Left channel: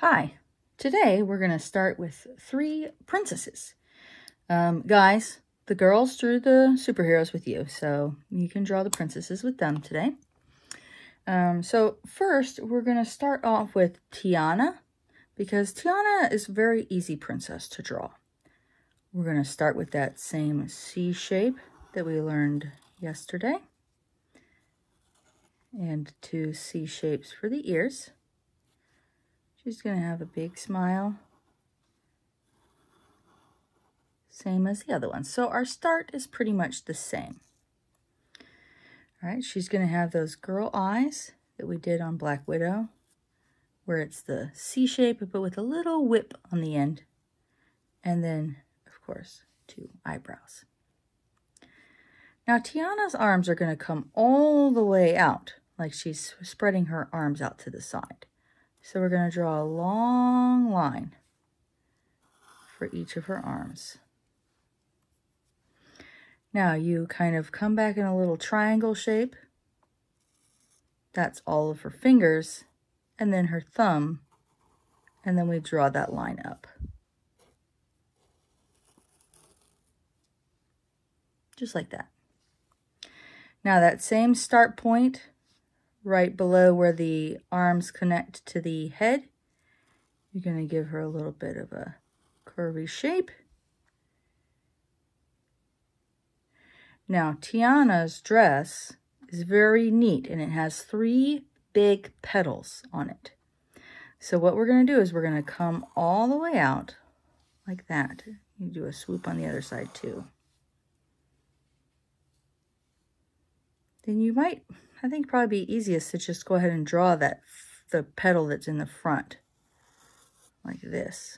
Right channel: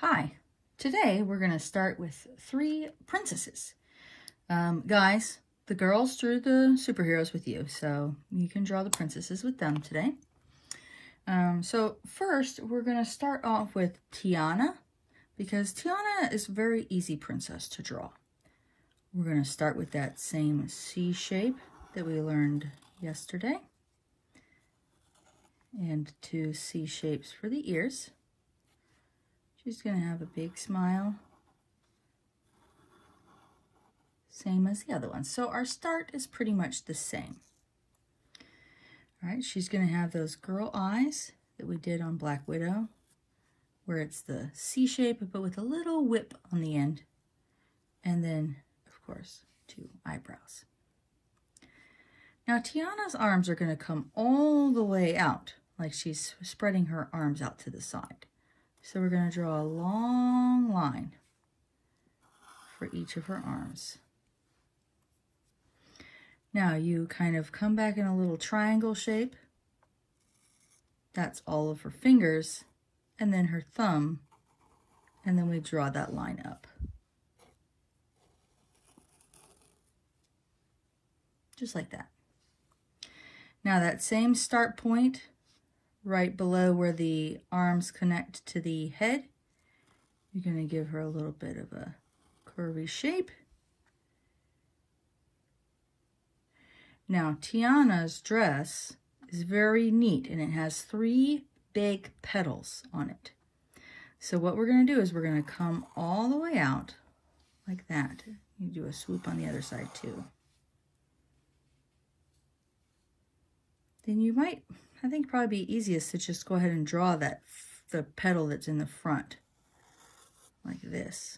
Hi, today we're going to start with 3 princesses. Guys, the girls drew the superheroes with you, so you can draw the princesses with them today. So first, we're going to start off with Tiana, because Tiana is a very easy princess to draw. We're going to start with that same C shape that we learned yesterday, and 2 C shapes for the ears. She's going to have a big smile, same as the other one. So our start is pretty much the same. All right, she's going to have those girl eyes that we did on Black Widow, where it's the C shape, but with a little whip on the end. And then, of course, 2 eyebrows. Now, Tiana's arms are going to come all the way out, like she's spreading her arms out to the side. So we're going to draw a long line for each of her arms. Now you kind of come back in a little triangle shape. That's all of her fingers, and then her thumb, and then we draw that line up. Just like that. Now that same start point, right below where the arms connect to the head, you're going to give her a little bit of a curvy shape. Now, Tiana's dress is very neat, and it has 3 big petals on it. So what we're going to do is we're going to come all the way out like that. You do a swoop on the other side too. Then you might, I think probably be easiest to just go ahead and draw the petal that's in the front, like this.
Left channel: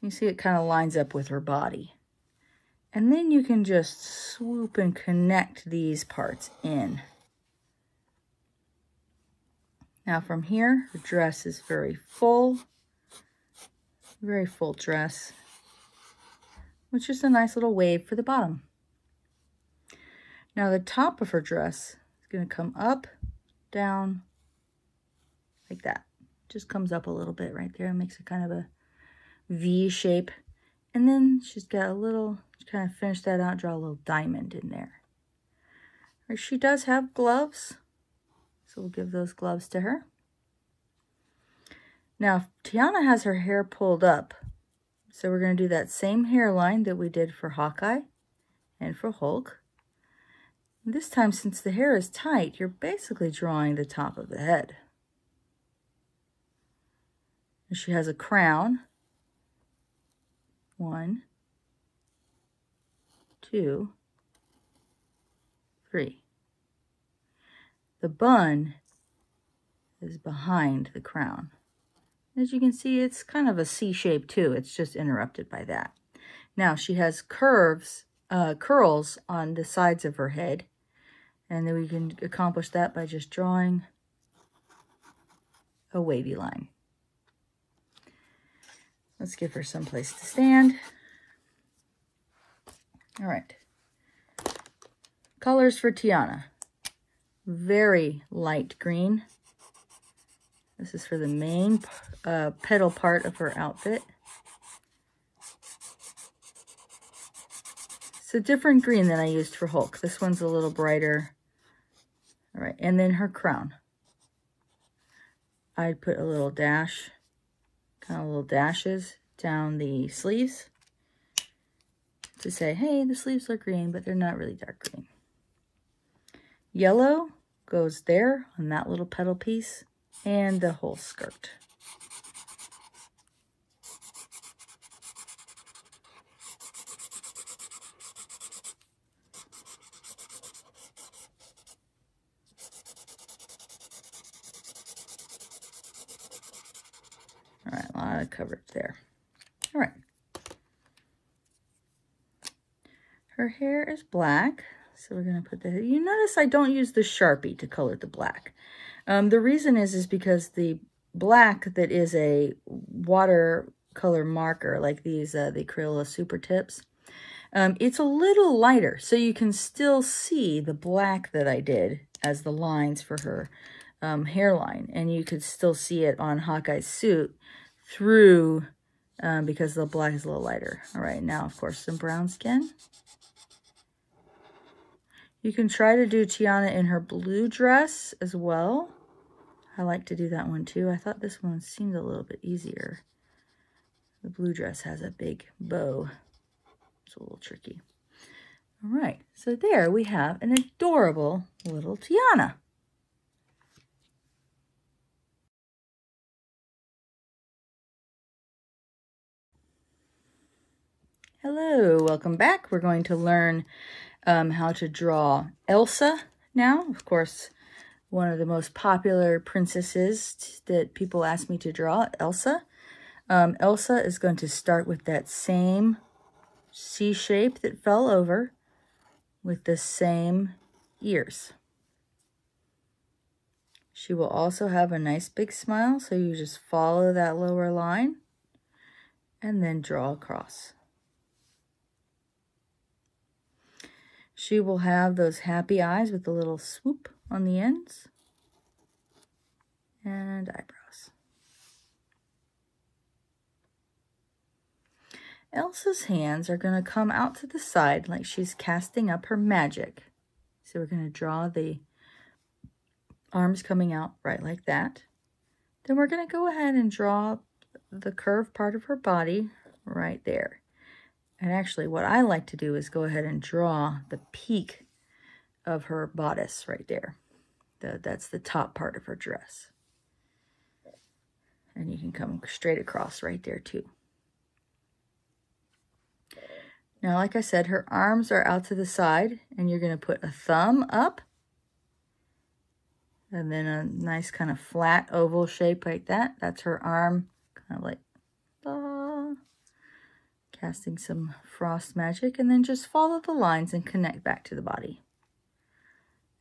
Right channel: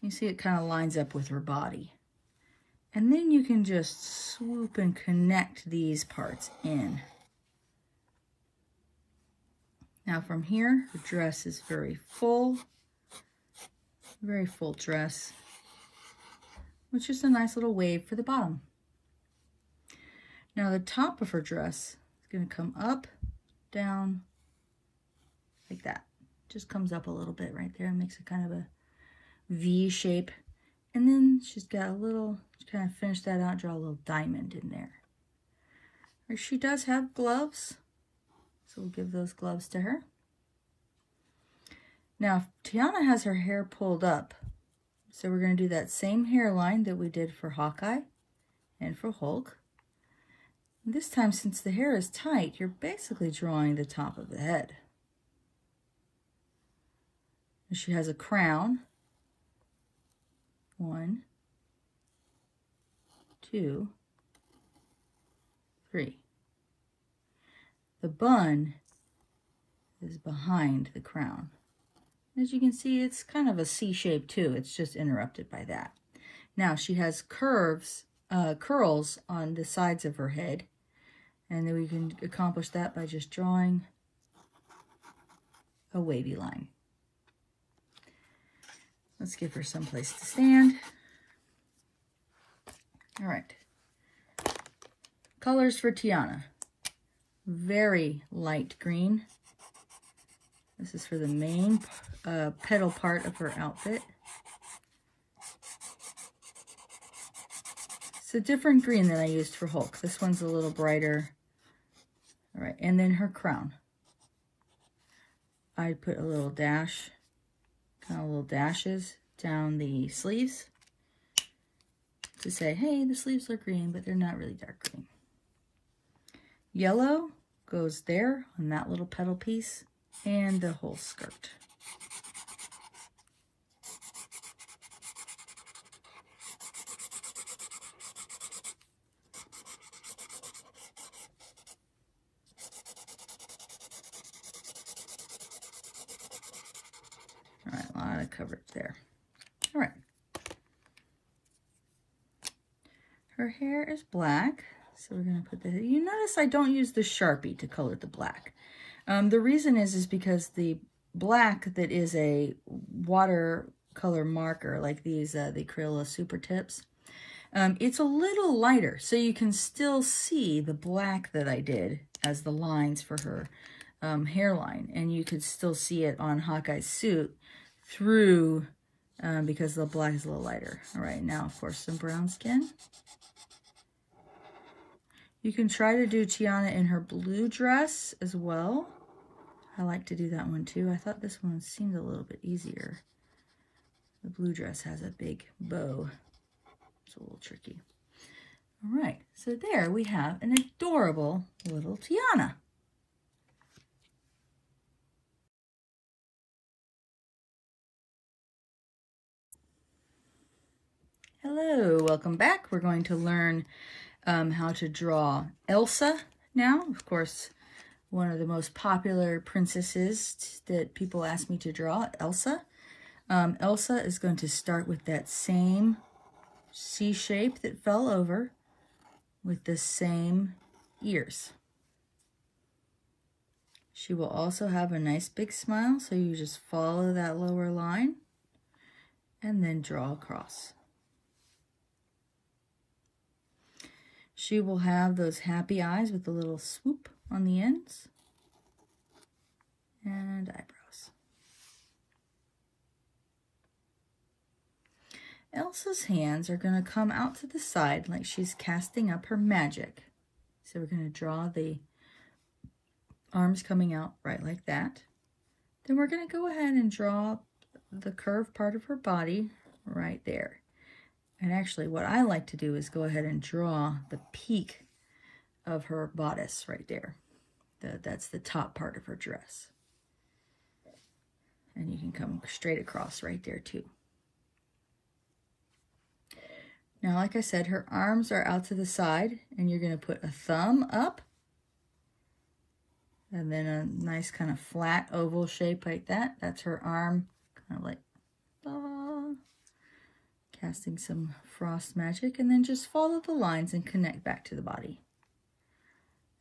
You see it kind of lines up with her body. And then you can just swoop and connect these parts in. Now from here, her dress is very full dress, which is a nice little wave for the bottom. Now the top of her dress is going to come up, down, like that. Just comes up a little bit right there and makes it kind of a V shape. And then she's got a little, kind of finish that out, draw a little diamond in there. She does have gloves, so we'll give those gloves to her. Now, Tiana has her hair pulled up, so we're going to do that same hairline that we did for Hawkeye and for Hulk. This time, since the hair is tight, you're basically drawing the top of the head. And she has a crown. 1, 2, 3. The bun is behind the crown. As you can see, it's kind of a C shape too. It's just interrupted by that. Now she has curls on the sides of her head. And then we can accomplish that by just drawing a wavy line. Let's give her some place to stand. All right. Colors for Tiana. Very light green. This is for the main petal part of her outfit. It's a different green than I used for Hulk. This one's a little brighter. All right, and then her crown. I'd put a little dash, kind of little dashes down the sleeves to say, hey, the sleeves are green, but they're not really dark green. Yellow goes there on that little petal piece and the whole skirt. All right, a lot of coverage there. All right. Her hair is black, so we're going to put the, you notice I don't use the Sharpie to color the black. The reason is because the black that is a watercolor marker, like these, the Crayola Supertips, it's a little lighter, so you can still see the black that I did as the lines for her hairline, and you could still see it on Hawkeye's suit through because the black is a little lighter. All right, now of course some brown skin. You can try to do Tiana in her blue dress as well. I like to do that one too. I thought this one seemed a little bit easier. The blue dress has a big bow. It's a little tricky. All right, so there we have an adorable little Tiana. Hello, welcome back. We're going to learn how to draw Elsa now. Of course, one of the most popular princesses that people ask me to draw, Elsa. Elsa is going to start with that same C shape that fell over with the same ears. She will also have a nice big smile, so you just follow that lower line and then draw across. She will have those happy eyes with a little swoop on the ends and eyebrows. Elsa's hands are going to come out to the side like she's casting up her magic. So we're going to draw the arms coming out right like that. Then we're going to go ahead and draw the curved part of her body right there. And actually what I like to do is go ahead and draw the peak of her bodice right there. That's the top part of her dress. And you can come straight across right there too. Now, like I said, her arms are out to the side, and you're going to put a thumb up and then a nice kind of flat oval shape like that. That's her arm, kind of like casting some frost magic, and then just follow the lines and connect back to the body.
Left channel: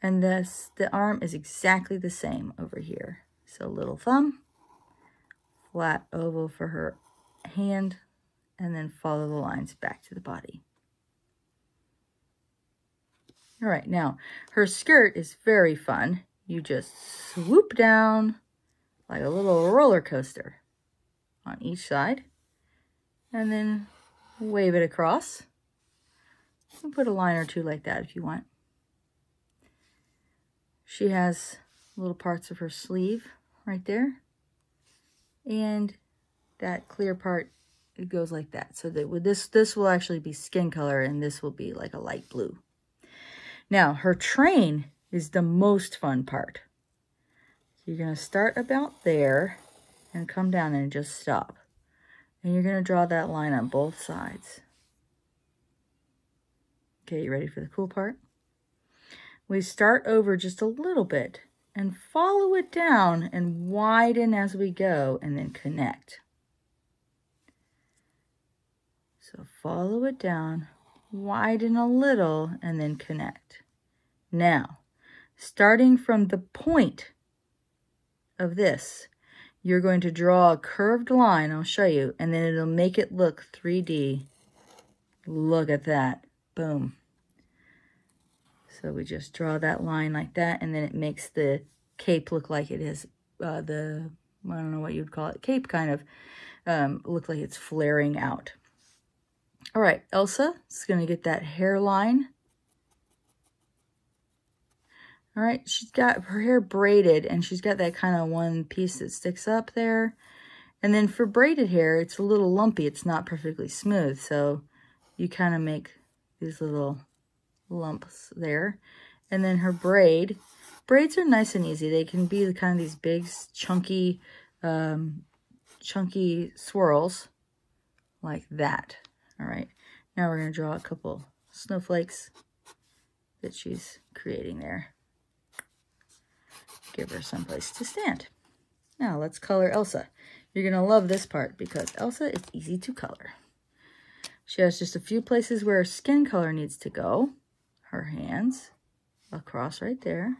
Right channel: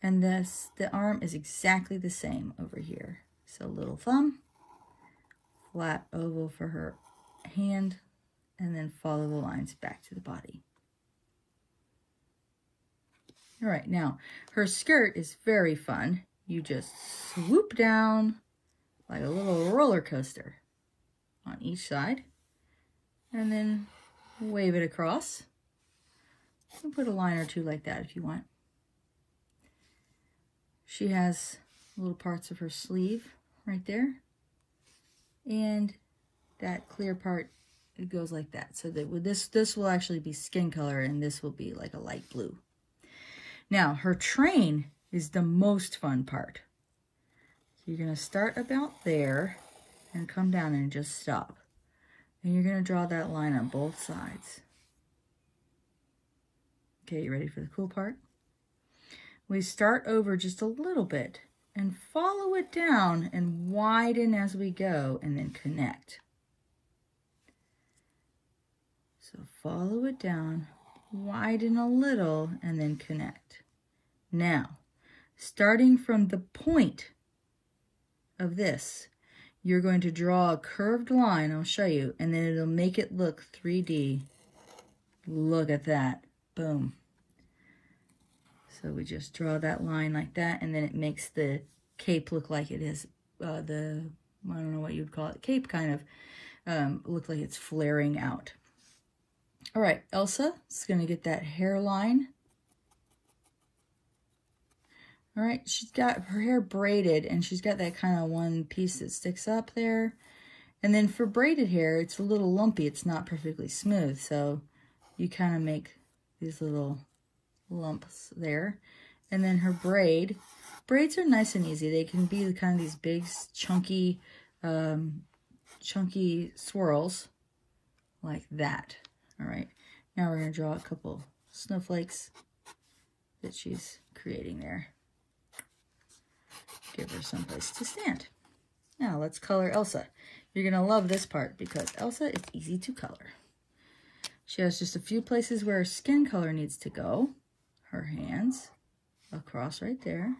And the arm is exactly the same over here. So little thumb, flat oval for her hand, and then follow the lines back to the body. All right, now her skirt is very fun. You just swoop down like a little roller coaster on each side, and then wave it across. And put a line or two like that if you want. She has little parts of her sleeve right there, and that clear part, it goes like that. So that with this will actually be skin color, and this will be like a light blue. Now, her train is the most fun part. So you're going to start about there and come down and just stop. And you're going to draw that line on both sides. Okay, you ready for the cool part? We start over just a little bit and follow it down and widen as we go, and then connect. So follow it down, widen a little, and then connect. Now, starting from the point of this, you're going to draw a curved line, I'll show you, and then it'll make it look 3D. Look at that, boom. So we just draw that line like that, and then it makes the cape look like it is I don't know what you'd call it, cape kind of, look like it's flaring out. All right, Elsa is going to get that hairline. All right, she's got her hair braided, and she's got that kind of one piece that sticks up there. And then for braided hair, it's a little lumpy. It's not perfectly smooth, so you kind of make these little lumps there. And then her braids are nice and easy. They can be kind of these big, chunky swirls like that. All right, now we're going to draw a couple snowflakes that she's creating there. Give her someplace to stand. Now let's color Elsa. You're going to love this part because Elsa is easy to color. She has just a few places where her skin color needs to go. Her hands across right there,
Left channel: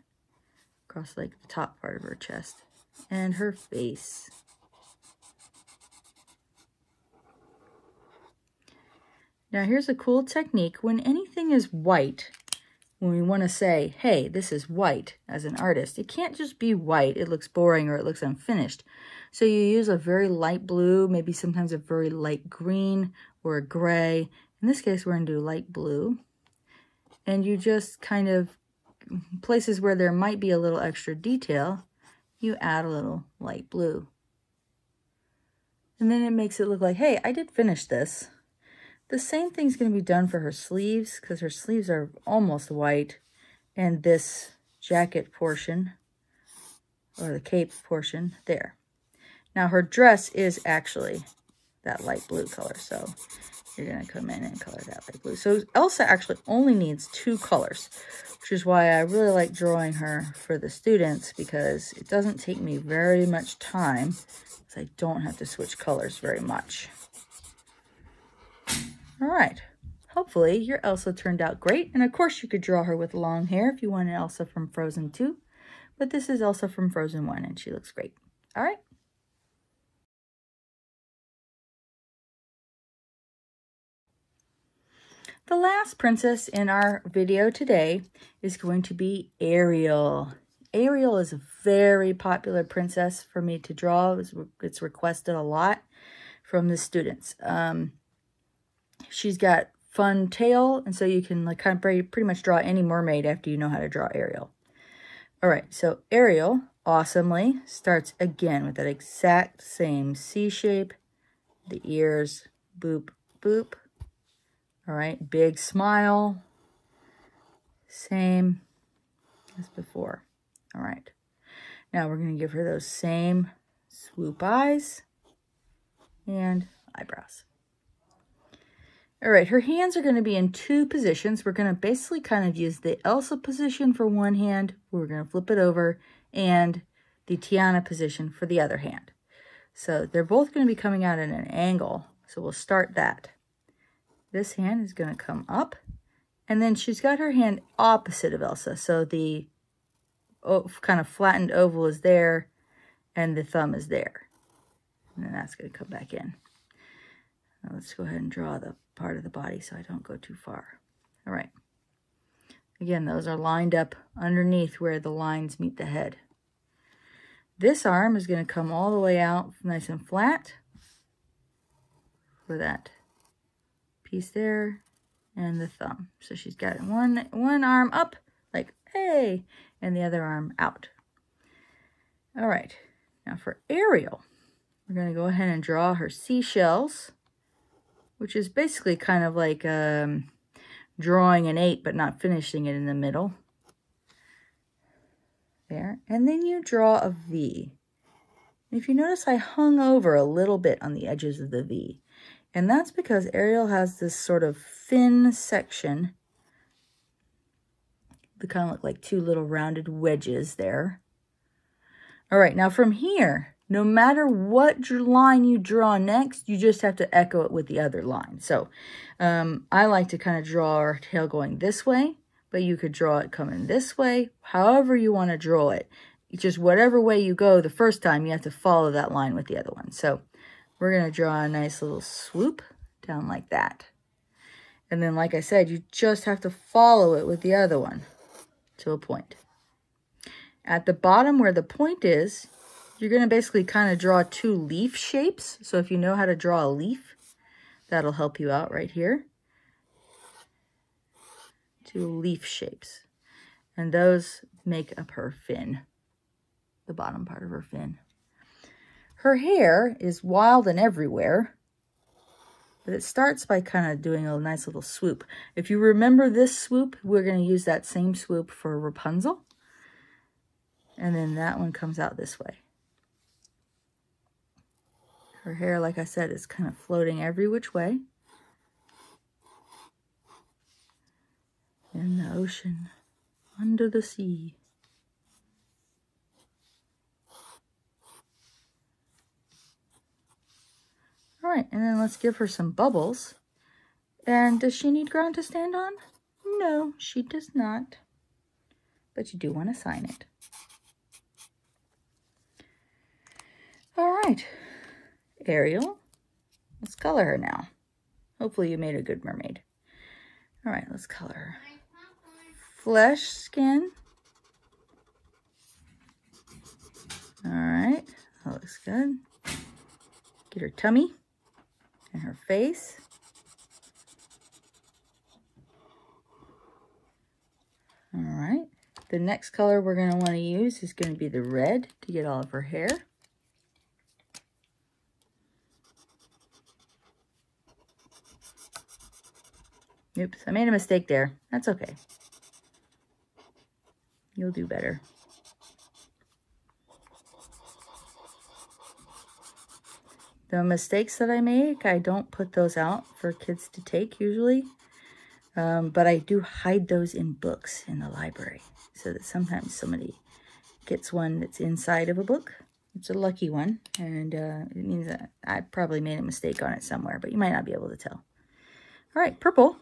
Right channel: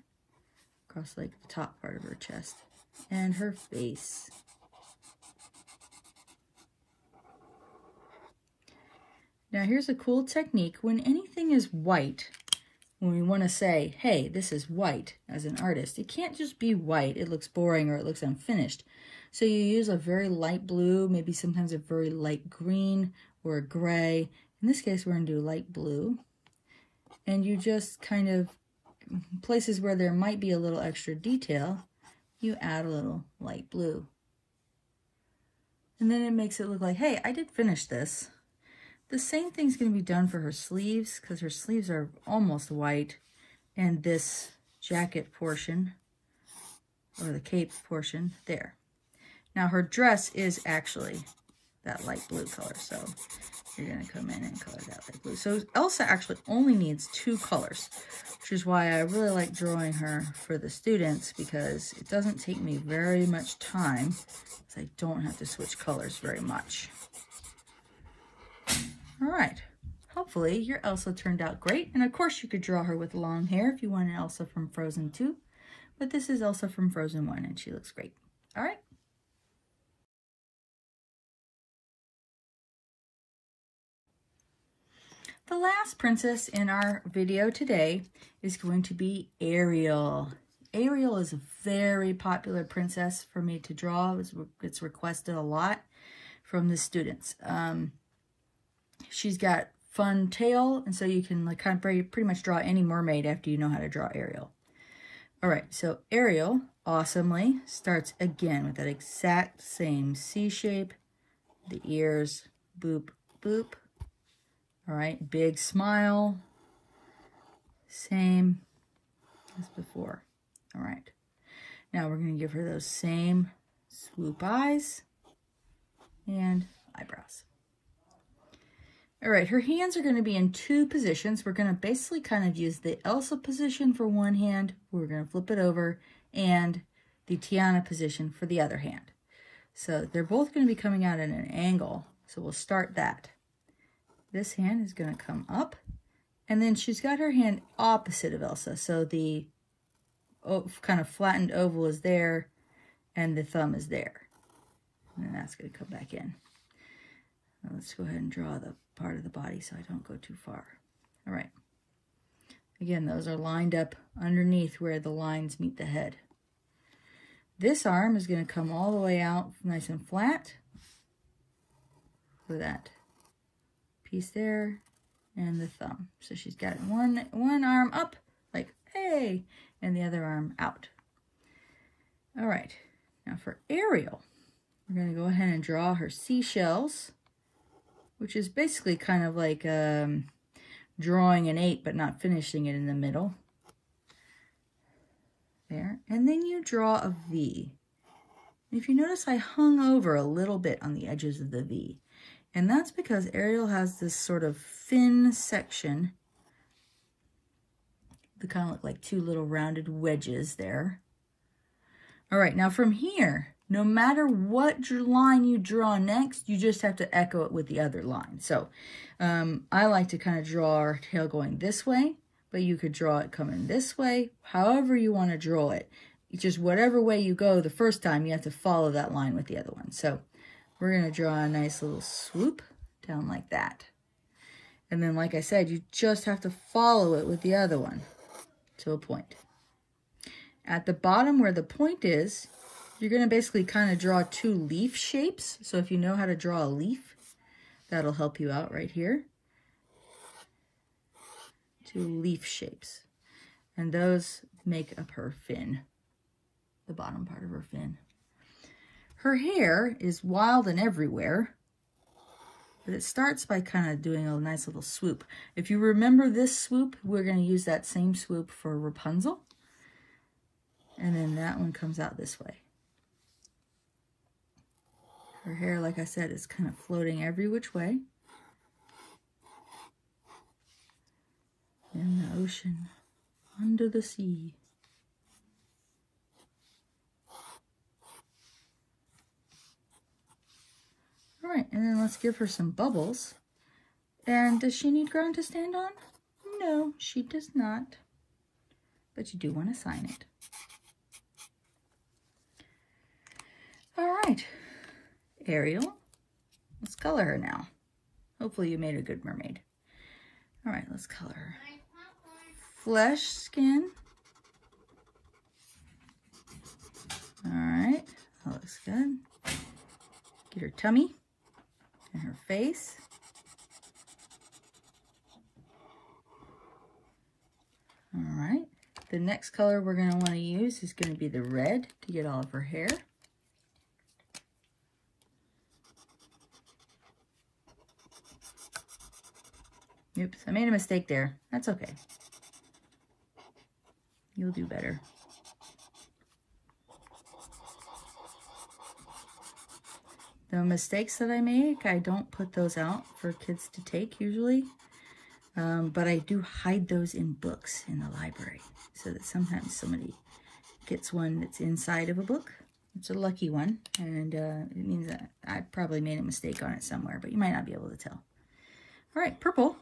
across like the top part of her chest, and her face. Now here's a cool technique. When anything is white, when we want to say, hey, this is white as an artist, it can't just be white. It looks boring or it looks unfinished. So you use a very light blue, maybe sometimes a very light green or a gray. In this case, we're going to do light blue. And you just kind of, places where there might be a little extra detail, you add a little light blue. And then it makes it look like, hey, I did finish this. The same thing's going to be done for her sleeves, because her sleeves are almost white. And this jacket portion, or the cape portion, there. Now her dress is actually that light blue color, so you're going to come in and color that light blue. So Elsa actually only needs 2 colors, which is why I really like drawing her for the students, because it doesn't take me very much time, so I don't have to switch colors very much. All right, hopefully your Elsa turned out great. And of course you could draw her with long hair if you wanted Elsa from Frozen 2, but this is Elsa from Frozen 1 and she looks great. All right. The last princess in our video today is going to be Ariel. Ariel is a very popular princess for me to draw. It's requested a lot from the students. She's got fun tail, and so you can like kind of pretty much draw any mermaid after you know how to draw Ariel. All right, so Ariel awesomely starts again with that exact same C shape, the ears, boop, boop. All right, big smile, same as before. All right, now we're going to give her those same swoop eyes and eyebrows. All right, her hands are going to be in 2 positions. We're going to basically kind of use the Elsa position for one hand. We're going to flip it over, and the Tiana position for the other hand. So they're both going to be coming out at an angle. So we'll start that. This hand is going to come up, and then she's got her hand opposite of Elsa. So the kind of flattened oval is there, and the thumb is there. And then that's going to come back in. Now let's go ahead and draw the part of the body so I don't go too far. All right. Again, those are lined up underneath where the lines meet the head. This arm is going to come all the way out nice and flat for that piece there and the thumb. So she's got one arm up like, hey, and the other arm out. All right. Now for Ariel, we're going to go ahead and draw her seashells, which is basically kind of like drawing an 8 but not finishing it in the middle. There. And then you draw a V. If you notice, I hung over a little bit on the edges of the V. And that's because Ariel has this sort of thin section. They kind of look like 2 little rounded wedges there. All right, now from here, no matter what line you draw next, you just have to echo it with the other line. So I like to kind of draw our tail going this way, but you could draw it coming this way, however you want to draw it. It's just whatever way you go the first time, you have to follow that line with the other one. So we're going to draw a nice little swoop down like that. And then, like I said, you just have to follow it with the other one to a point. At the bottom where the point is, you're going to basically kind of draw 2 leaf shapes. So if you know how to draw a leaf, that'll help you out right here. 2 leaf shapes. And those make up her fin, the bottom part of her fin. Her hair is wild and everywhere, but it starts by kind of doing a nice little swoop. If you remember this swoop, we're going to use that same swoop for Rapunzel. And then that one comes out this way. Her hair, like I said, is kind of floating every which way. In the ocean, under the sea. All right, and then let's give her some bubbles. And does she need ground to stand on? No, she does not. But you do want to sign it. All right, Ariel, let's color her now. Hopefully you made a good mermaid. All right, let's color her. flesh skin. All right, that looks good. Get her tummy and her face. All right, the next color we're going to want to use is going to be the red to get all of her hair. Oops, I made a mistake there. That's okay. You'll do better. The mistakes that I make, I don't put those out for kids to take usually. But I do hide those in books in the library so that sometimes somebody gets one that's inside of a book. It's a lucky one, and it means that I probably made a mistake on it somewhere, but you might not be able to tell. All right, purple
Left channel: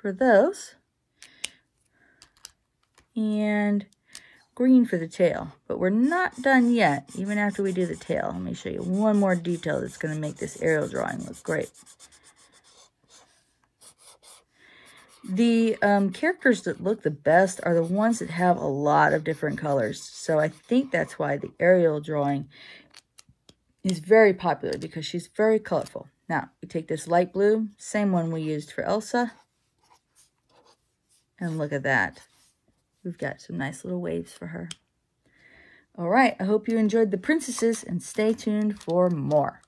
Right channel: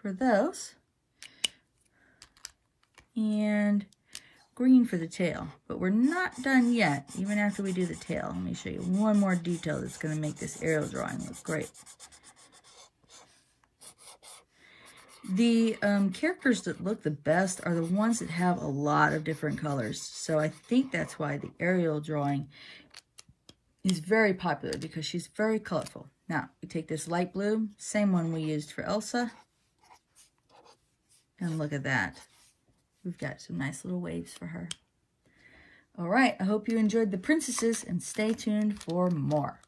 for those, and green for the tail. But we're not done yet, even after we do the tail. Let me show you one more detail that's going to make this Ariel drawing look great. The characters that look the best are the ones that have a lot of different colors. So I think that's why the Ariel drawing is very popular, because she's very colorful. Now, we take this light blue, same one we used for Elsa. And look at that. We've got some nice little waves for her. All right, I hope you enjoyed the princesses, and stay tuned for more.